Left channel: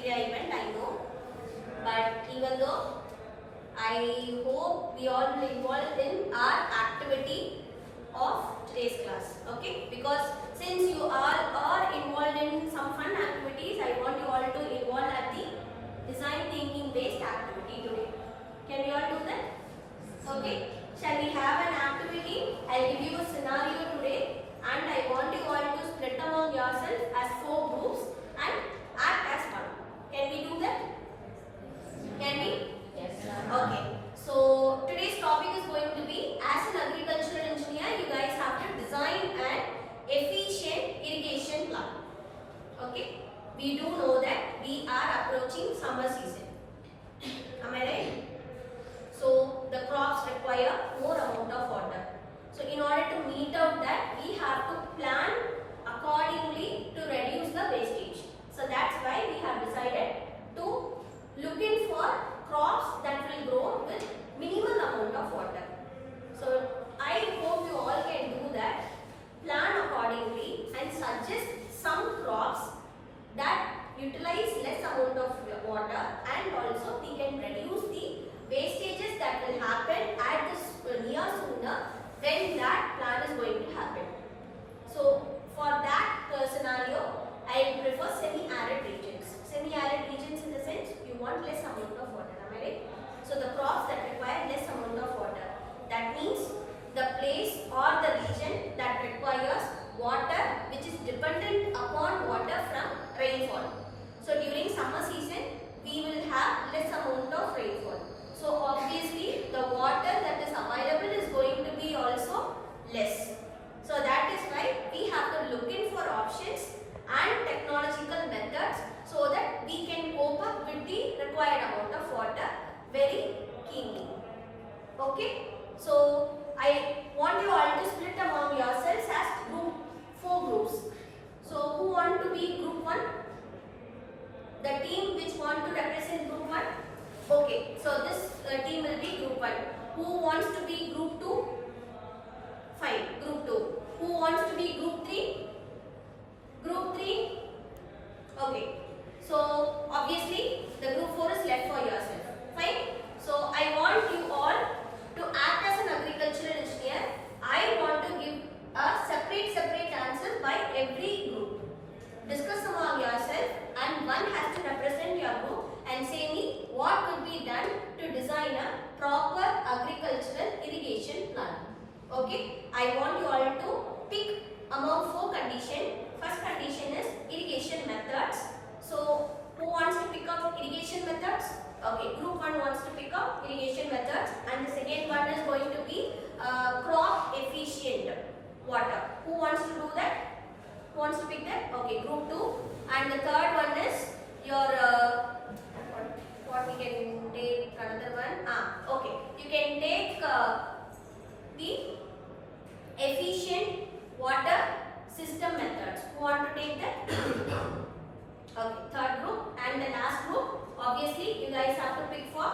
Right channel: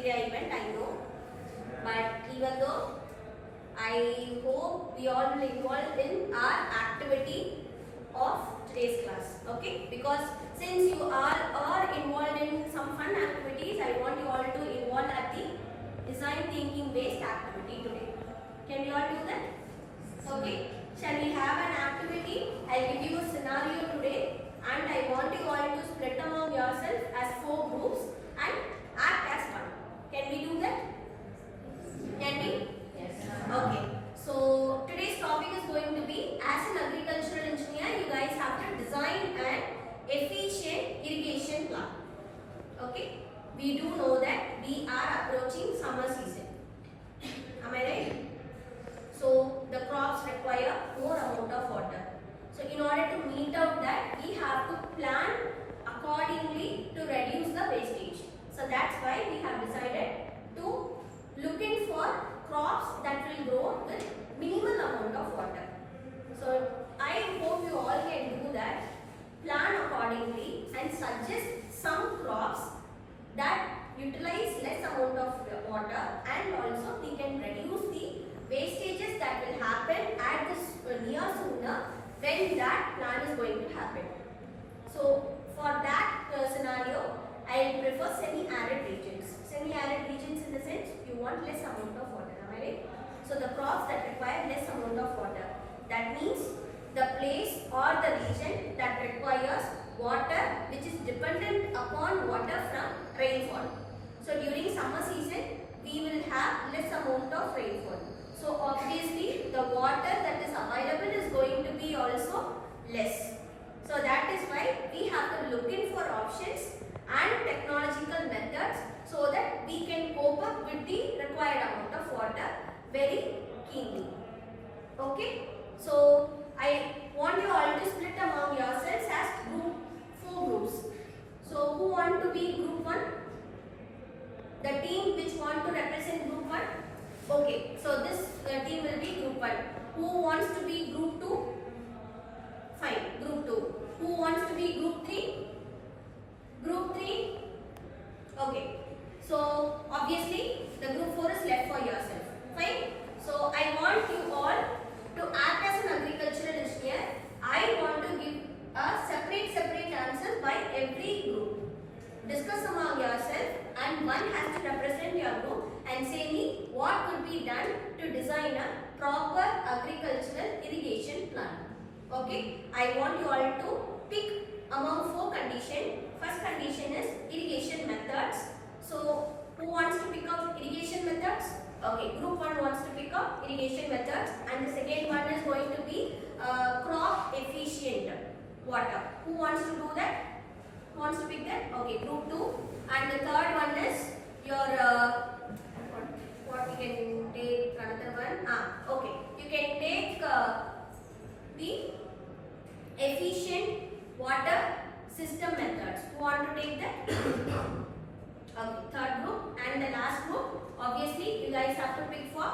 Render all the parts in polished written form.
media event, I know. But even though, I hope we all will involve in our activity of today's class. Okay? Because since you all are involved in some fun activities, I want you all to involve at the design thinking based activity today. Can you all do that? Okay? Shall we have an activity? I will give you a scenario today and I want you all to split among yourself as 4 groups and act as one. Can we do that? Can we? Yes. Okay. So today's topic is going to be, as an agricultural engineer, you guys have to design an efficient irrigation plan. Okay? We do know that we are approaching summer season. Am I right? So the crops require more amount of water. So in order to meet out that, we have to plan accordingly to reduce the wastage. So that's why we have decided to look in for crops that will grow with minimal amount of water. So I hope you all can do that. Plan accordingly and suggest some crops that utilize less amount of water, and also we can reduce the wastages that will happen at this near sooner when that plan is going to happen. So for that scenario, I prefer semi-arid regions. Semi-arid regions in the sense you want less amount of water, am I right? So the crops that require less amount of water. That means the place or the region that requires water which is dependent upon water from rainfall. So during summer season, we will have less amount of rainfall. So obviously the water that is available is going to be also less. So that is why we have to look in for options and technological methods so that we can cope up with the required amount of water very keenly. Okay? So I want you all to split among yourselves as 4 groups. So who want to be group 1? The team which want to represent group 1? Okay, so this team will be group 1. Who wants to be group 2? Fine, group 2. Who wants to be group 3? Group 3? Okay, so obviously the group 4 is left for yourself. Fine? So I want you all to act as an agricultural engineer. I want to give a separate answers by every group. Discuss among yourself and one has to represent your group and say me what could be done to design a proper agricultural irrigation plan. Okay, I want you all to pick among 4 conditions. First condition is irrigation methods. So who wants to pick up irrigation methods? Okay, group 1 wants to pick up irrigation methods, and the second one is going to be crop efficient water. Who wants to do that? Who wants to pick that? Okay, group 2. And the third one is your what we can take another one. Okay, you can take the efficient water system methods. Who want to take that? Okay, third group. And the last group, obviously you guys have to pick for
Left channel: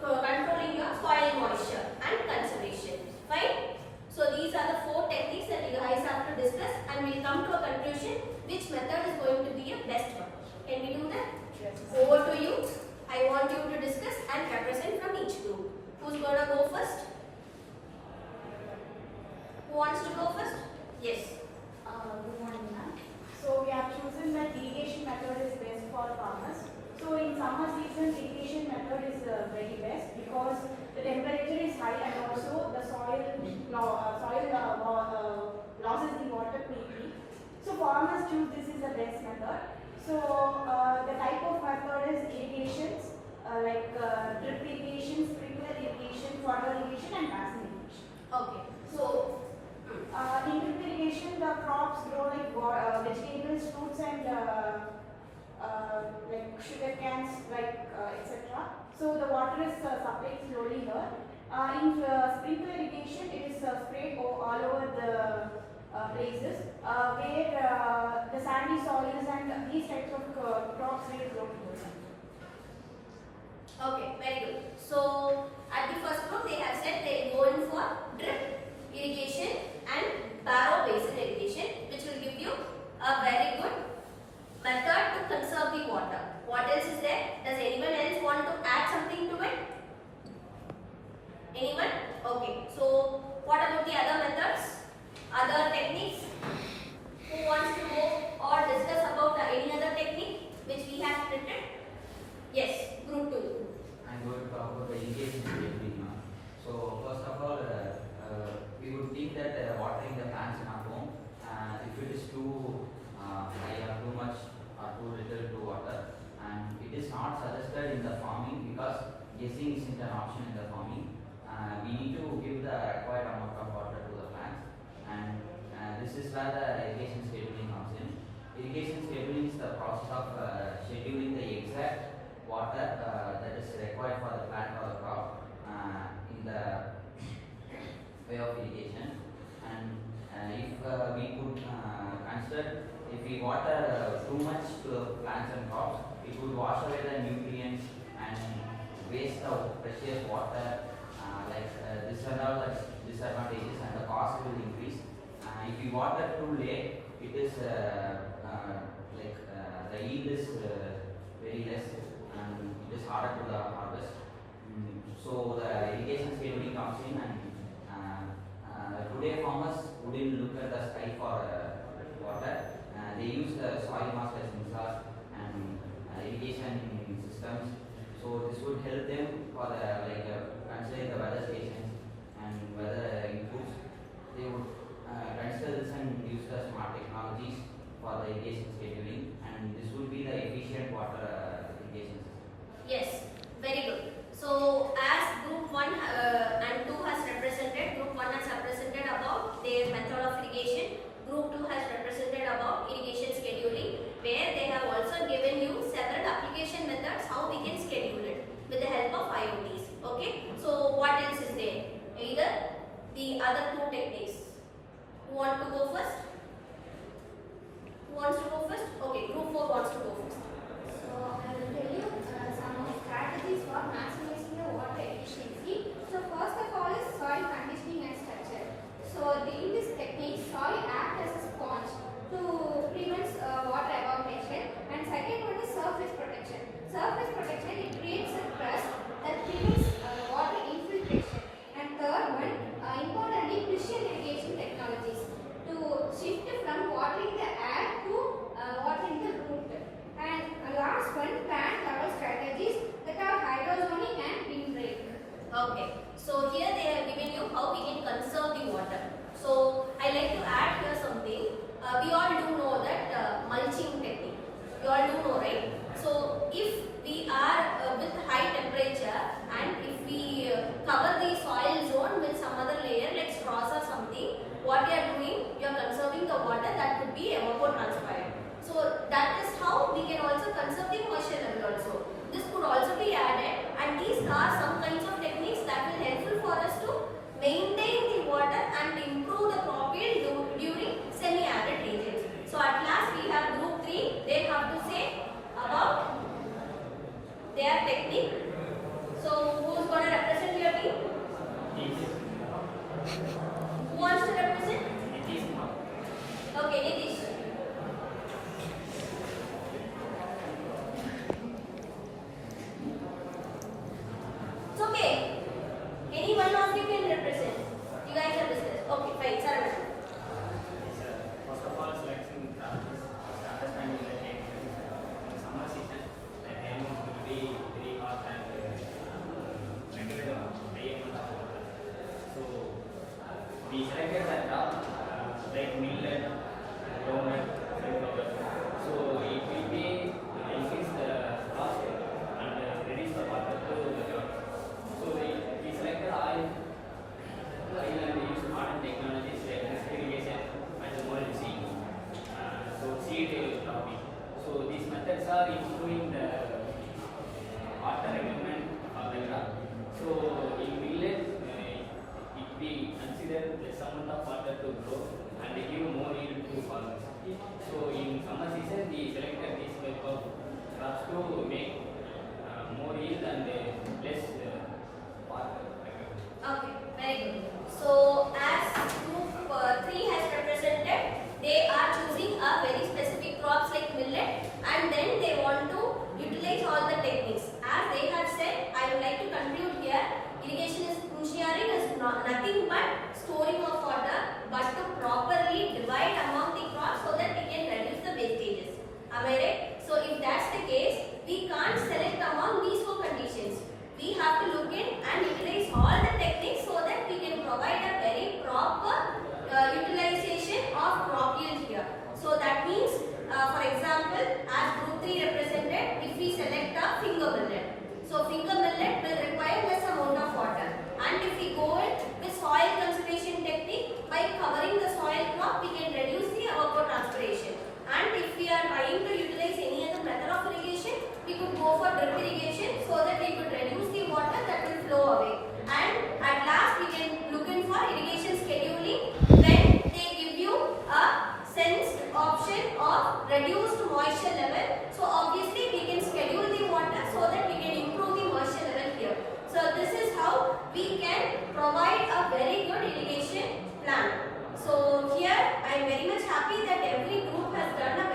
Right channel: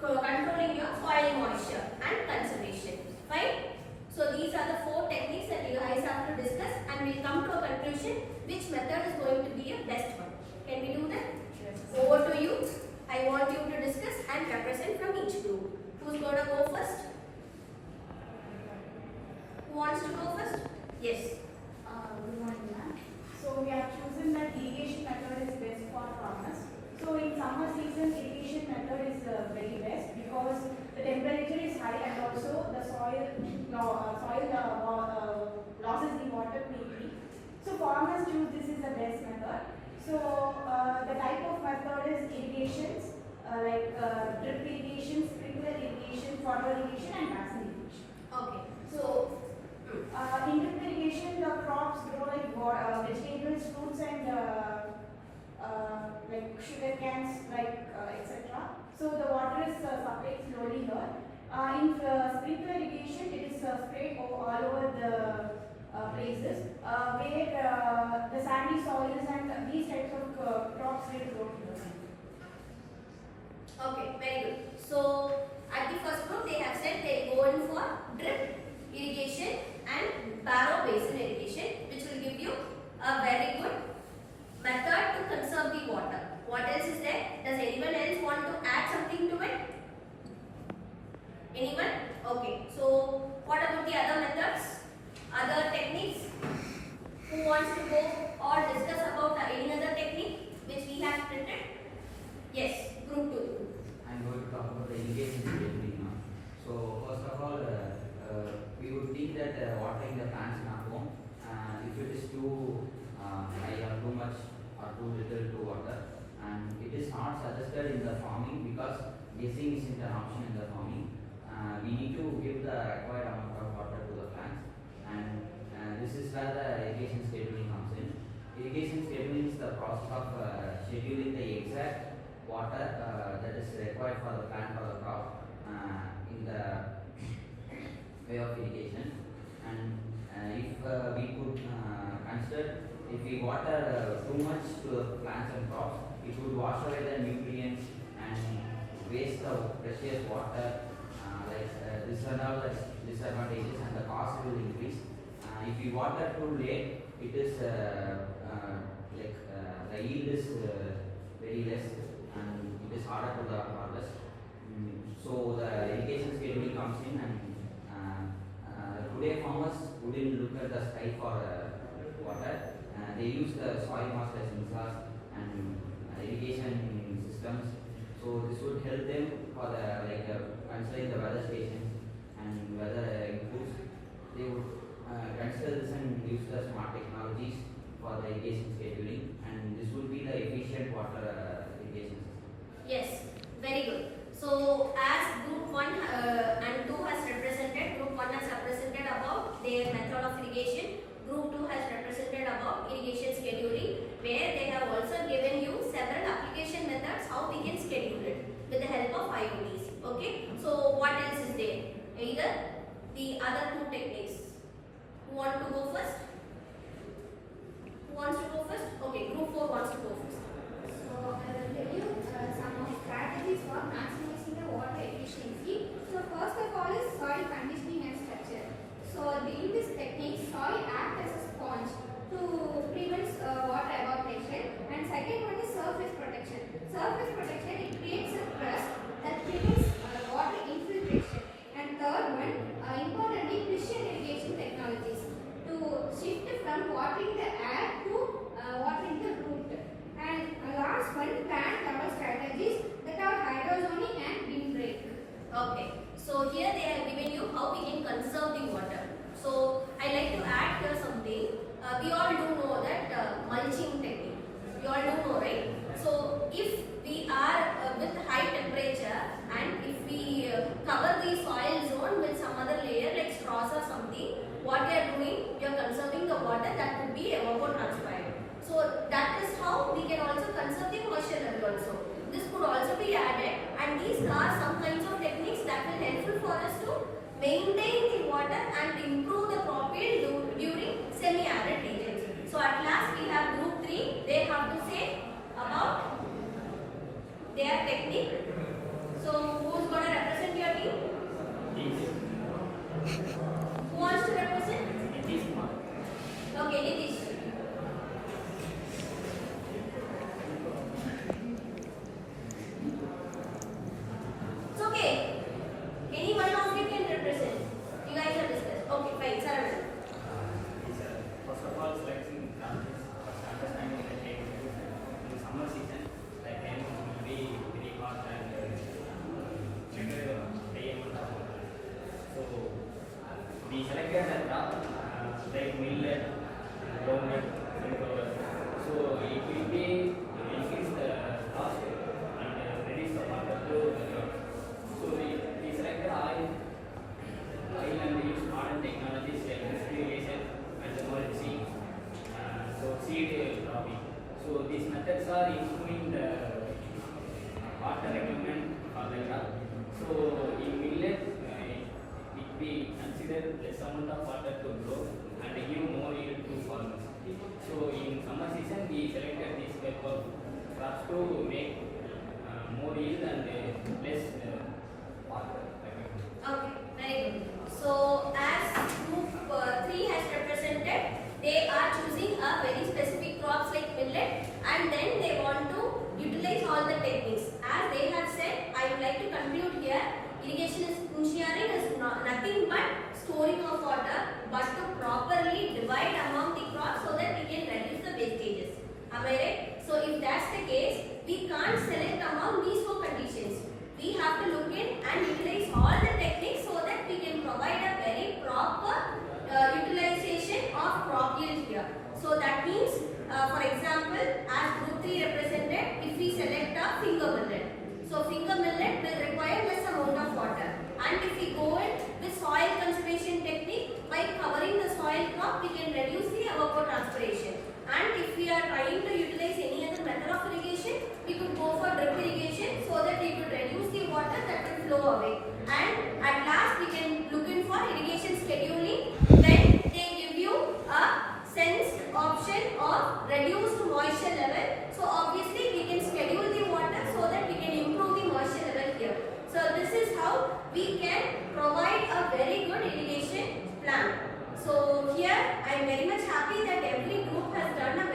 controlling your soil moisture and conservation. Fine? So these are the 4 techniques that you guys have to discuss, and we'll come to a conclusion which method is going to be a best one. Can we do that? Yes. Over to you. I want you to discuss and represent from each group. Who's going to go first? Who wants to go first? Yes. Good morning, ma'am. So we have chosen that irrigation method is best for farmers. So in summer season, irrigation method is very best because the temperature is high and also the soil loses the water quickly. So farmers choose this is the best method. So the type of method is irrigations like drip irrigation, sprinkler irrigation, furrow irrigation, and basin irrigation. Okay. So in drip irrigation, the crops grow like vegetables, fruits, and like sugar cans, like etc. So the water is supplied slowly here. In sprinkler irrigation, it is sprayed all over the places where the sandy soils and these types of crops will grow here. Okay, very good. So at the first group, they have said they go in for drip irrigation and barrow basin irrigation, which will give you a very good method to conserve the water. printed? Yes, group 2. I'm going to talk about the irrigation scheduling now. So first of all, we would think that watering the plants in our home, if it is too high or too much or too little to water, and it is not suggested in the farming because guessing isn't an option in the farming. We need to give the required amount of water to the plants, and this is where the irrigation scheduling comes in. Irrigation scheduling is the process of scheduling the exact water that is required for the plant or the crop in the way of irrigation. And if we could consider, if we water too much to the plants and crops, it would wash away the nutrients and waste the precious water. These are all the disadvantages, and the cost will increase. If we water too late, it is the yield is very less, and it is harder to the harvest. So the irrigation scheduling comes in, and today farmers wouldn't look at the sky for water. They use the soil mass as sensors and irrigation systems. So this would help them for considering the weather stations and weather inputs. They would consider this and use the smart technologies for the irrigation scheduling, and this would be the efficient water irrigation system. Yes, very good. So as group 1 and 2 has represented, group 1 has represented about their method of irrigation, group 2 has represented about irrigation scheduling, where they have also given you several application methods how we can schedule it with the help of IoTs. Okay, so what else is there? Either the other two techniques. Who want to go first? Who wants to go first? Okay, group 4 wants to go first. So I will tell you some strategies for maximizing the water efficiency. So first of all is soil conditioning and structure. So in this technique, soil acts as a sponge to prevent water evaporation. And second one is surface protection. Surface protection, it creates a crust that prevents water infiltration. And third one, importantly, precision irrigation technologies to shift from watering the air to watering the root. And last one, plant cover strategies that are hydroponic and windbreak. Okay, so here they have given you how we can conserve the water. So I like to add here something. We all do know that mulching technique. You all do know, right? So if we are with high temperature and if we cover the soil zone with some other layer like straws or something, what you are doing, you are conserving the water that could be evapotranspired. So that is how we can also conserve the moisture level also. This could also be added, and these are some kinds of techniques that will helpful for us to maintain the water and improve the crop yield during semi-arid regions. So at last we have group 3. They have to say about their technique. So who is going to represent your team? Who wants to represent? Okay, Nitish. It's okay. Any one of you can represent. You guys have discussed. Okay, fine. Sarah. First of all, selection first understanding in summer season, like rain will be very hot and regular AM and all. So we selected the crop like millet, groundnut, sunflower. So it will be increase the cost and reduce the water to the crop. So we selected oil and use modern technologies like irrigation and more seed. So seed cropping. So these methods are improving the water requirement of the crop. So in millet, it we consider less amount of water to grow and give more yield to farmers. So in summer season, we selected this type of crops to make more yield and less water. Okay, very good. So as group 3 has represented, they are choosing a very specific crops like millet, and then they want to utilize all the techniques. As they have said, I would like to conclude here. Irrigation engineering is nothing but storing of water, but to properly divide among the crops so that we can reduce the wastages. Am Am I right? So if that's the case, we can't select among these four conditions. We have to look in and utilize all the techniques so that we can provide a very proper utilization of crop yield here. So that means, for example, as group 3 represented, if we select a finger millet. So finger millet will require less amount of water. And if we go in with soil conservation technique, by covering the soil crop, we can reduce the evapotranspiration. And if we are trying to utilize any other method of irrigation, we could go for drip irrigation so that we could reduce the water that will flow away. And at last, we can look in for irrigation scheduling when they give you a sensed option of reduced moisture level. So obviously, we can schedule the water so that we can improve the moisture level here. So this is how we can provide a very good irrigation plan. So here I am very much happy that every group has done a